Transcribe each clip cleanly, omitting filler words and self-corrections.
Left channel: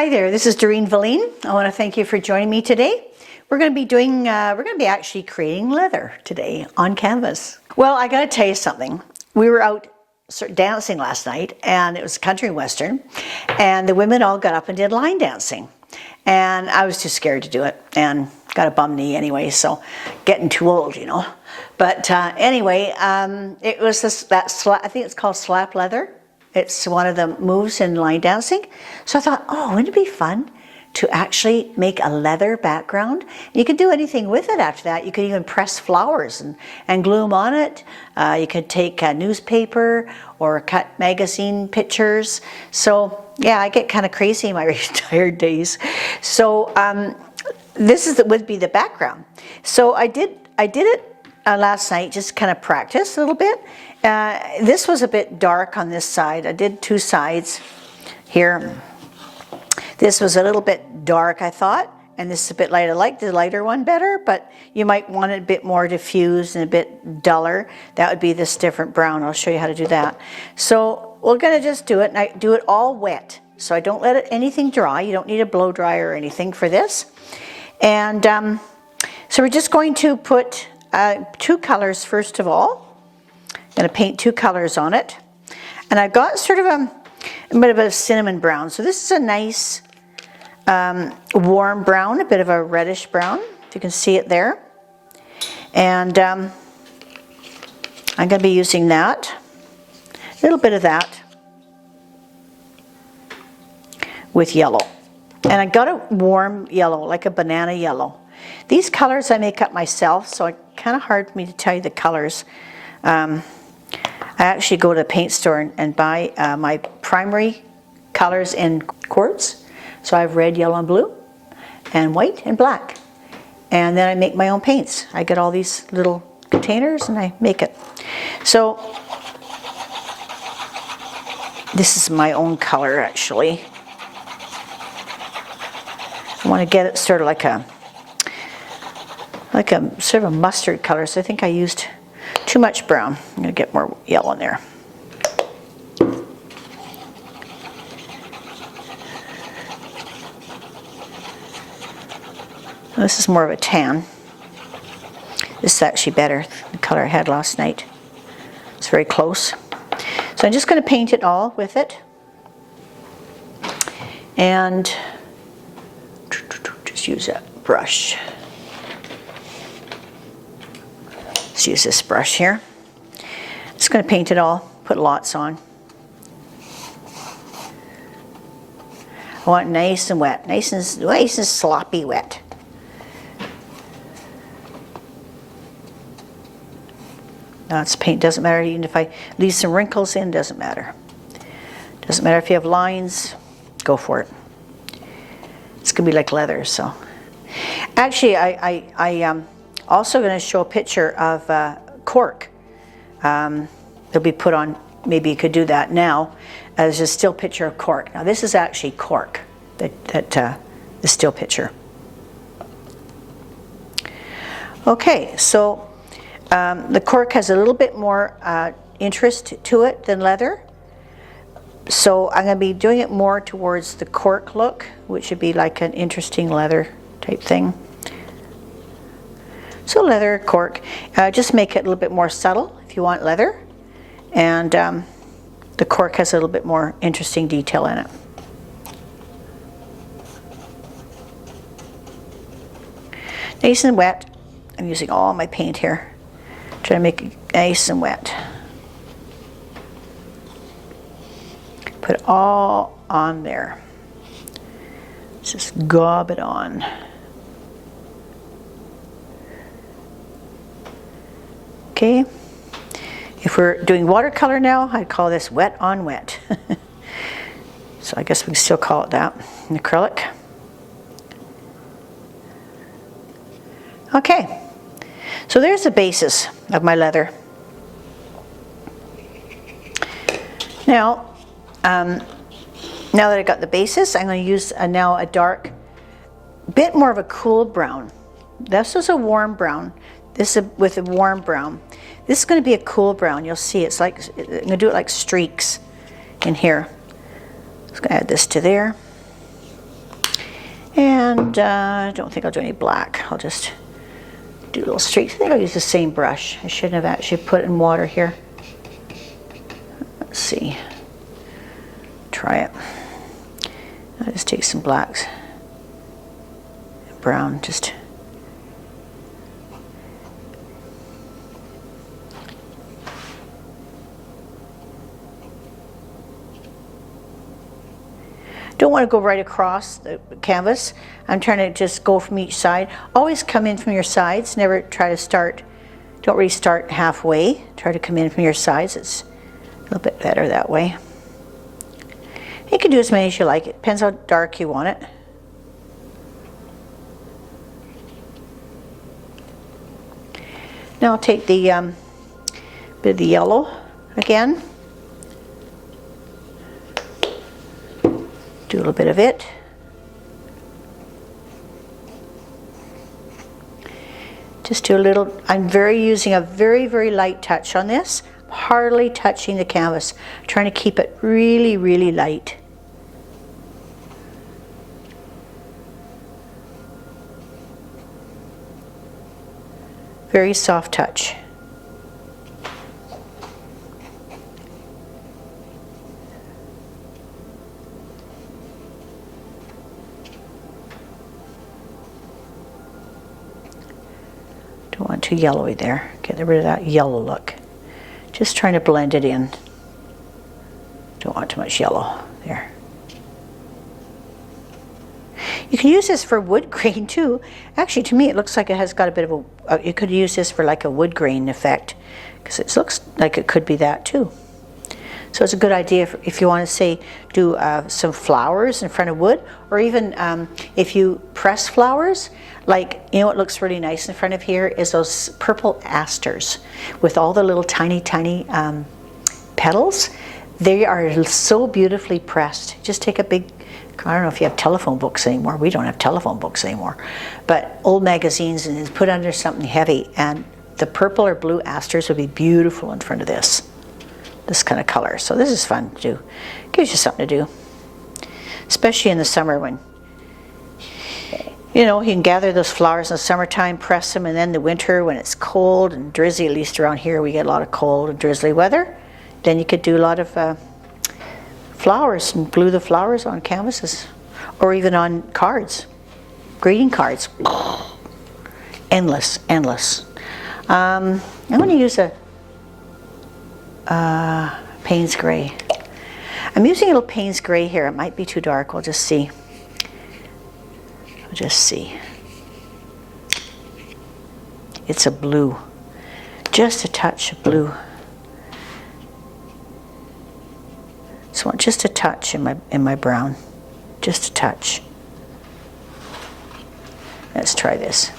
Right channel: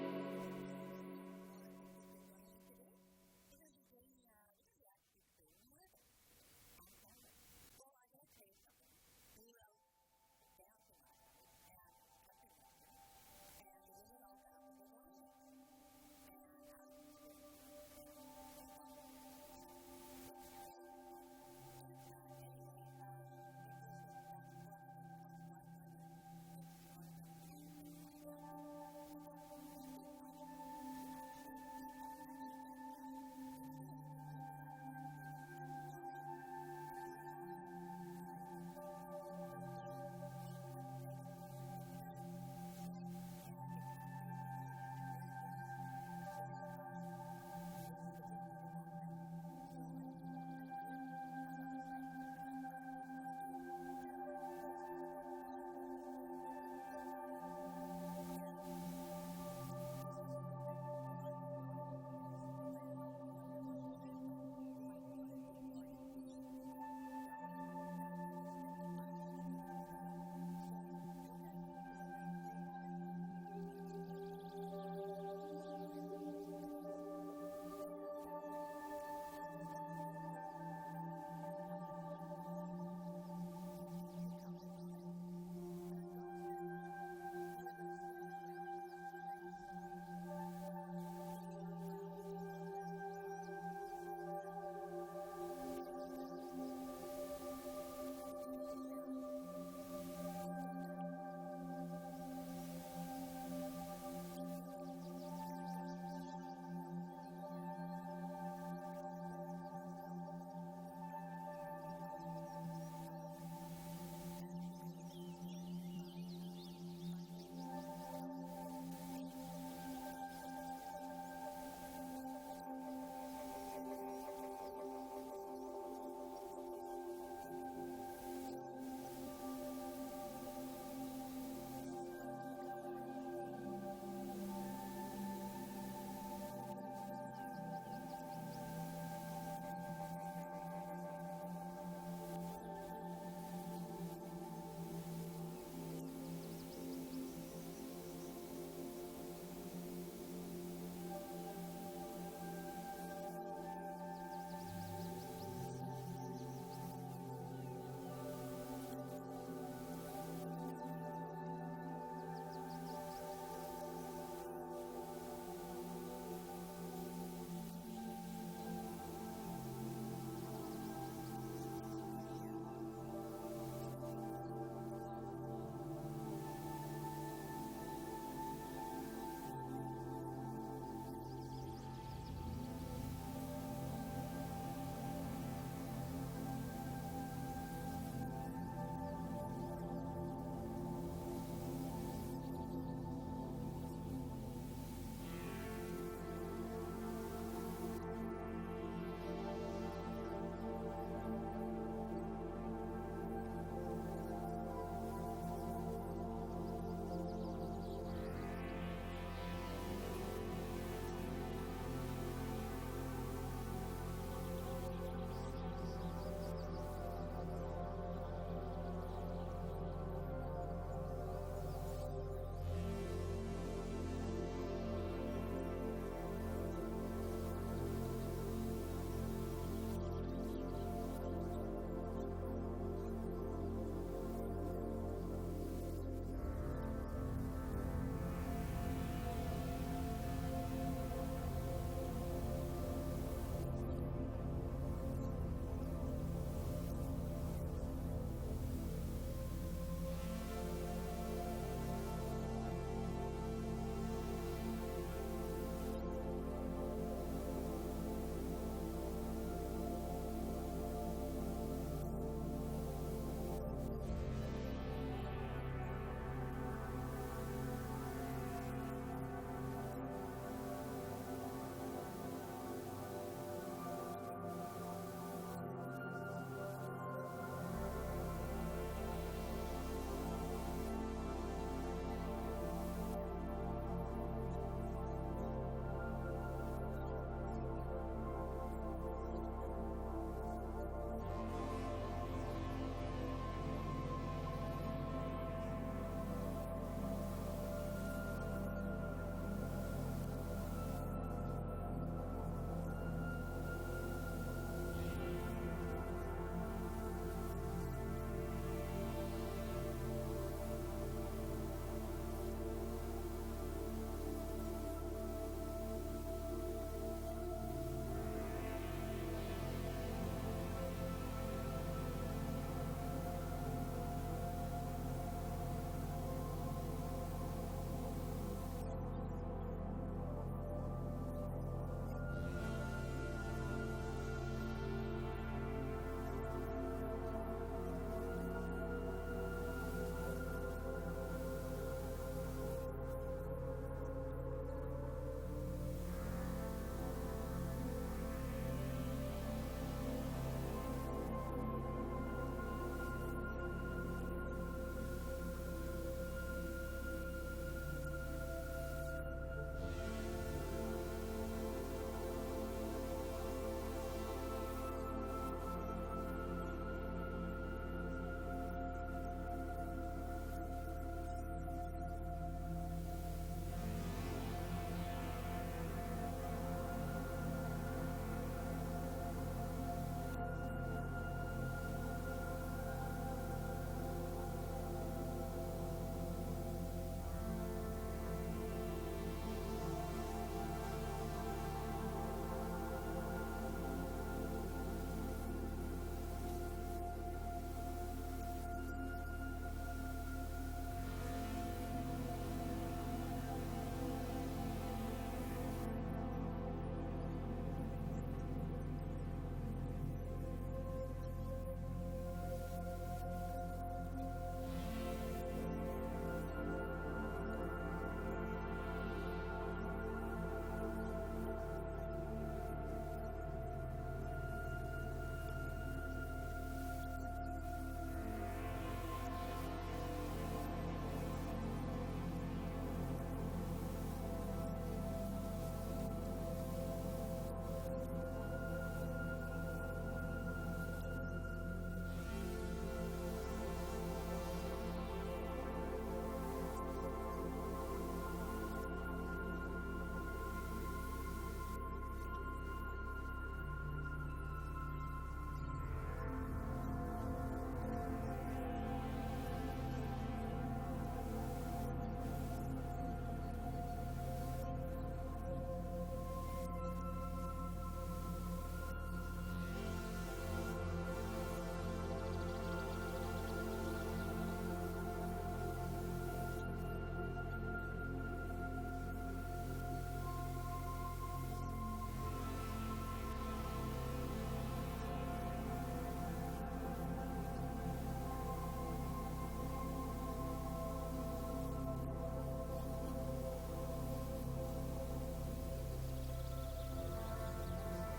Hi there, this is Doreen Velin. I want to thank you for joining me today. We're going to be actually creating leather today on canvas. Well, I got to tell you something. We were out dancing last night, and it was country western, and the women all got up and did line dancing. And I was too scared to do it, and got a bum knee anyway, so getting too old, you know. But anyway, it was I think it's called slap leather. It's one of the moves in line dancing. So I thought, oh, wouldn't it be fun to actually make a leather background? You could do anything with it after that. You could even press flowers and glue them on it. You could take a newspaper or cut magazine pictures. So yeah, I get kind of crazy in my retired days. So this would be the background. So I did it last night, just kind of practice a little bit. This was a bit dark on this side. I did two sides here. This was a little bit dark, I thought, and this is a bit light. I like the lighter one better, but you might want it a bit more diffused and a bit duller. That would be this different brown. I'll show you how to do that. So we're gonna just do it, and I do it all wet. So I don't let anything dry. You don't need a blow dryer or anything for this. And so we're just going to put two colors first of all. I'm going to paint two colors on it. And I've got sort of a bit of a cinnamon brown. So this is a nice warm brown, a bit of a reddish brown, if you can see it there. And I'm going to be using that, a little bit of that with yellow. And I got a warm yellow, like a banana yellow. These colors I make up myself, so it's kind of hard for me to tell you the colors. I actually go to the paint store and buy my primary colors in quartz. So I have red, yellow, and blue, and white and black. And then I make my own paints. I get all these little containers and I make it. So this is my own color actually. I want to get it sort of like a sort of a mustard color. So I think I used too much brown. I'm going to get more yellow in there. This is more of a tan. This is actually better, the color I had last night. It's very close. So I'm just going to paint it all with it. And just use that brush. Let's use this brush here. Just going to paint it all, put lots on. I want it nice and wet, nice and sloppy wet. Now it's paint, doesn't matter even if I leave some wrinkles in, doesn't matter. Doesn't matter if you have lines, go for it. It's going to be like leather, so. Actually, I'm also going to show a picture of cork. They'll be put on, maybe you could do that now, as a still picture of cork. Now this is actually cork, the still picture. Okay, so the cork has a little bit more interest to it than leather. So I'm going to be doing it more towards the cork look, which would be like an interesting leather type thing. So leather, cork, just make it a little bit more subtle if you want leather. And the cork has a little bit more interesting detail in it. Nice and wet. I'm using all my paint here. Try to make it nice and wet. Put it all on there. Just gob it on. Okay, if we're doing watercolor now, I'd call this wet on wet. So I guess we can still call it that, in acrylic. Okay, so there's the basis of my leather. Now, now that I got the basis, I'm going to use now a dark, bit more of a cool brown. This is a warm brown. This is with a warm brown. This is going to be a cool brown. You'll see it's like, I'm going to do it like streaks in here. Just going to add this to there. And I don't think I'll do any black. I'll just do little streaks. I think I'll use the same brush. I shouldn't have actually put in water here. Let's see. Try it. I'll just take some blacks. Brown, just. Don't want to go right across the canvas. I'm trying to just go from each side. Always come in from your sides. Never try to start, don't really start halfway. Try to come in from your sides. It's a little bit better that way. You can do as many as you like. It depends how dark you want it. Now I'll take the bit of the yellow again. Do a little bit of it. Just do a little, I'm using a very, very light touch on this. Hardly touching the canvas. Trying to keep it really, really light. Very soft touch. Don't want too yellowy there. Get rid of that yellow look. Just trying to blend it in. Don't want too much yellow there. You can use this for wood grain too. Actually, to me, it looks like it has got a bit of a, you could use this for like a wood grain effect, because it looks like it could be that too. So it's a good idea if you want to say, do some flowers in front of wood, or even if you press flowers, like, you know what looks really nice in front of here is those purple asters with all the little tiny, tiny petals. They are so beautifully pressed. Just take a big, I don't know if you have telephone books anymore. We don't have telephone books anymore. But old magazines, and put under something heavy, and the purple or blue asters would be beautiful in front of this kind of color. So this is fun to do. Gives you something to do. Especially in the summer when, you know, you can gather those flowers in the summertime, press them, and then the winter when it's cold and drizzly, at least around here we get a lot of cold and drizzly weather, then you could do a lot of flowers and glue the flowers on canvases, or even on cards, greeting cards. Endless, endless. I'm going to use a Payne's Gray. I'm using a little Payne's Gray here. It might be too dark. We'll just see. We'll just see. It's a blue. Just a touch of blue. So I want just a touch in my brown. Just a touch. Let's try this.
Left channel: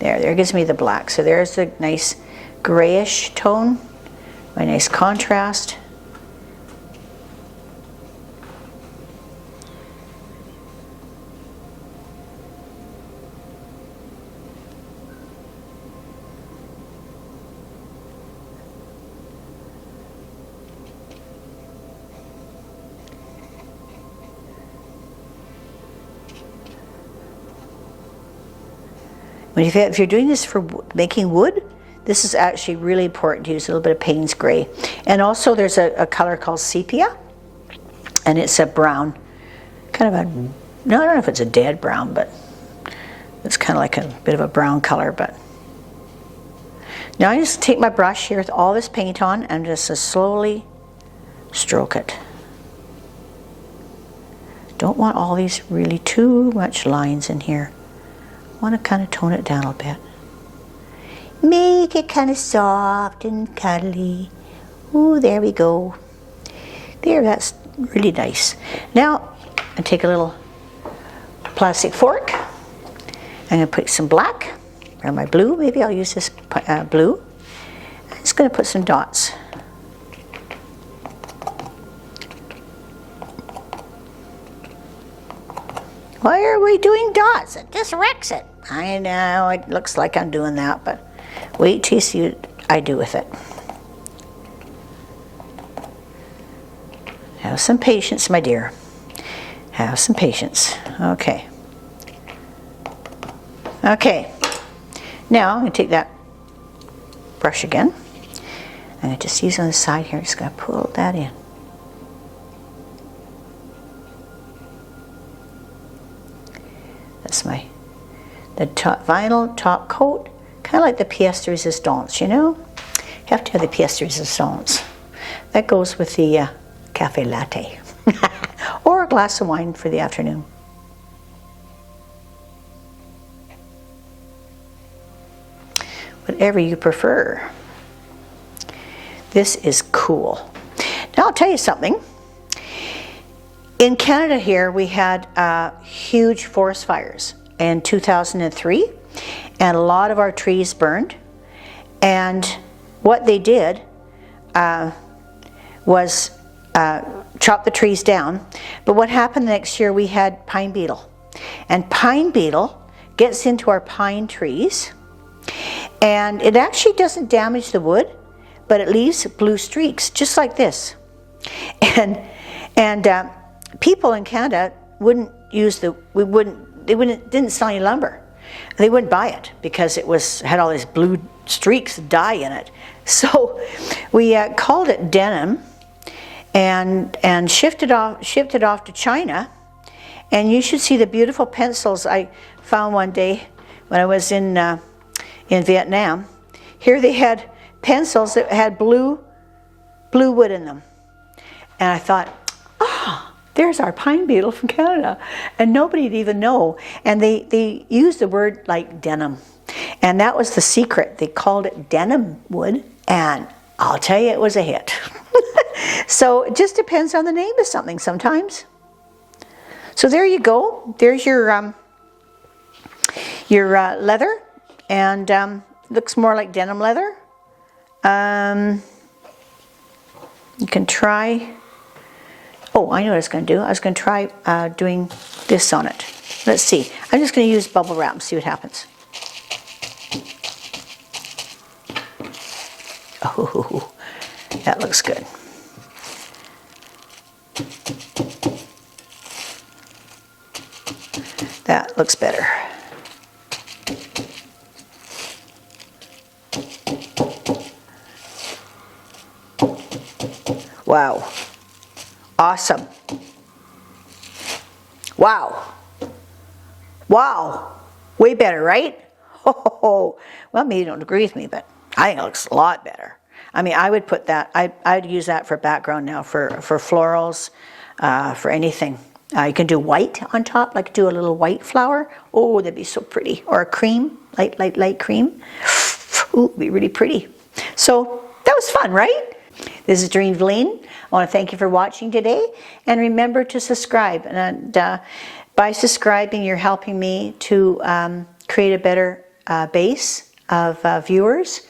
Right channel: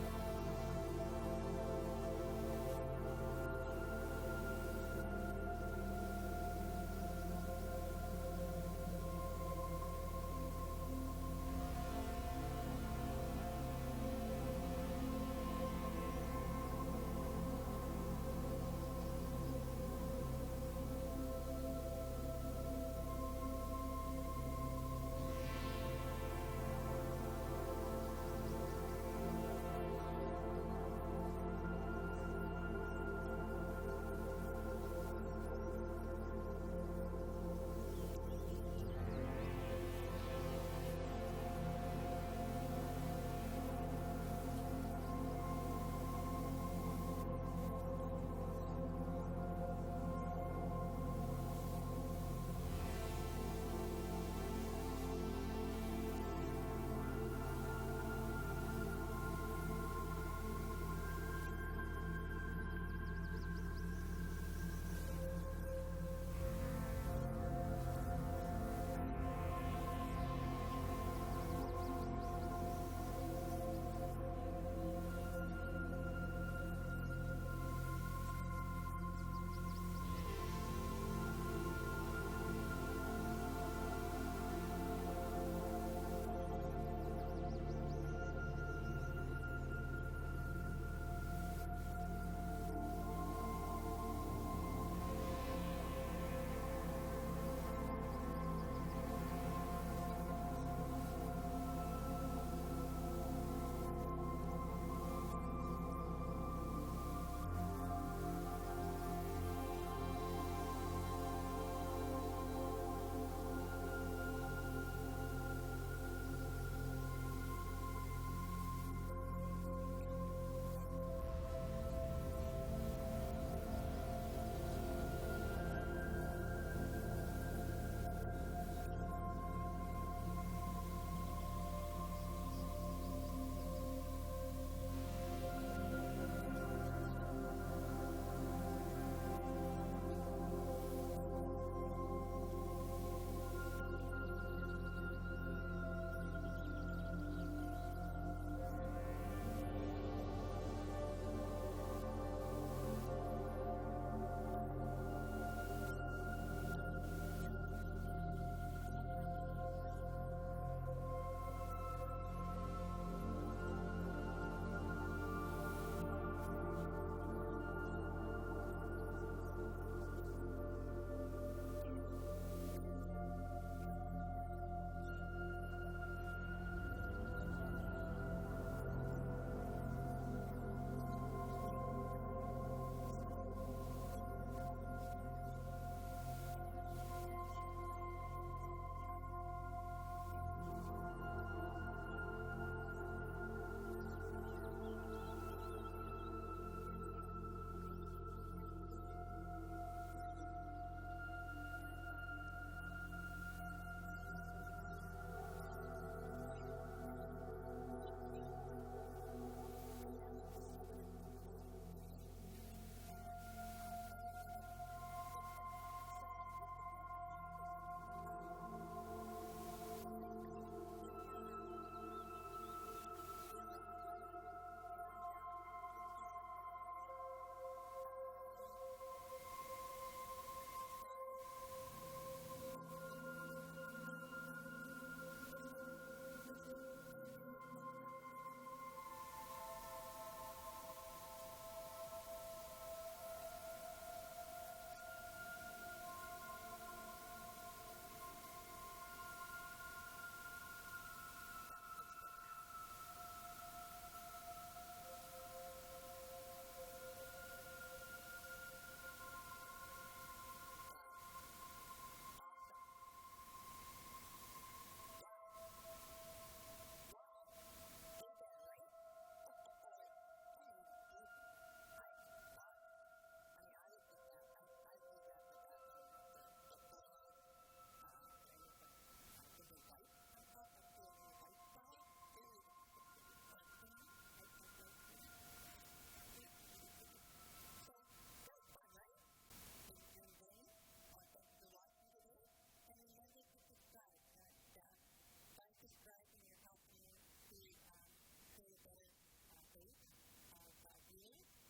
There gives me the black. So there's the nice grayish tone. My nice contrast. If you're doing this for making wood, this is actually really important to use a little bit of Payne's Gray. And also there's a color called sepia, and it's a brown, kind of a, no, I don't know if it's a dead brown, but it's kind of like a bit of a brown color. But now I just take my brush here with all this paint on and just slowly stroke it. Don't want all these really too much lines in here. I want to kind of tone it down a bit. Make it kind of soft and cuddly. Ooh, there we go. There, that's really nice. Now, I take a little plastic fork. I'm going to put some black, or my blue. Maybe I'll use this blue. I'm just going to put some dots. Why are we doing dots? It just wrecks it. I know, it looks like I'm doing that, but wait till you see what I do with it. Have some patience, my dear. Have some patience. Okay. Okay, now I'm going to take that brush again. I'm going to just use on the side here, just going to pull that in. That's the top vinyl top coat, kind of like the pièce de résistance, you know? You have to have the pièce de résistance. That goes with the cafe latte or a glass of wine for the afternoon. Whatever you prefer. This is cool. Now I'll tell you something. In Canada here, we had huge forest fires in 2003, and a lot of our trees burned. And what they did was chop the trees down. But what happened the next year, we had pine beetle. And pine beetle gets into our pine trees, and it actually doesn't damage the wood, but it leaves blue streaks, just like this. And people in Canada didn't sell any lumber. They wouldn't buy it because it had all these blue streaks of dye in it. So we called it denim and shipped it off to China. And you should see the beautiful pencils I found one day when I was in Vietnam. Here they had pencils that had blue wood in them. And I thought, there's our pine beetle from Canada. And nobody'd even know. And they used the word like denim. And that was the secret. They called it denim wood. And I'll tell you, it was a hit. So it just depends on the name of something sometimes. So there you go. There's your leather. And looks more like denim leather. You can try. Oh, I know what I was going to do. I was going to try doing this on it. Let's see. I'm just going to use bubble wrap and see what happens. Oh, that looks good. That looks better. Wow. Awesome. Wow. Wow. Way better, right? Oh, well, maybe you don't agree with me, but I think it looks a lot better. I mean, I would put that, I'd use that for background now for florals, for anything. You can do white on top, like do a little white flower. Oh, that'd be so pretty. Or a cream, light cream. Ooh, it'd be really pretty. So that was fun, right? This is Doreen Velin. I want to thank you for watching today, and remember to subscribe. And by subscribing, you're helping me to create a better base of viewers.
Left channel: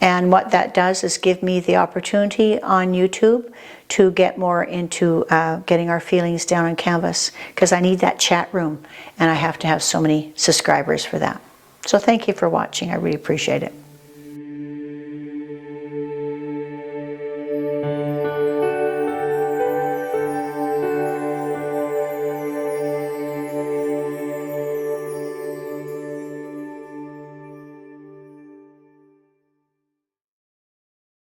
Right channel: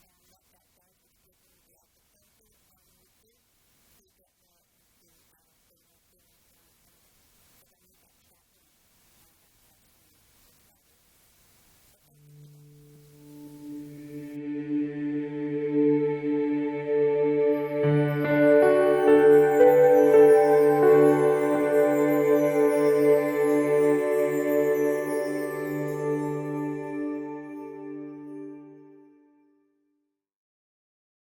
And what that does is give me the opportunity on YouTube to get more into getting our feelings down on canvas, because I need that chat room, and I have to have so many subscribers for that. So thank you for watching. I really appreciate it.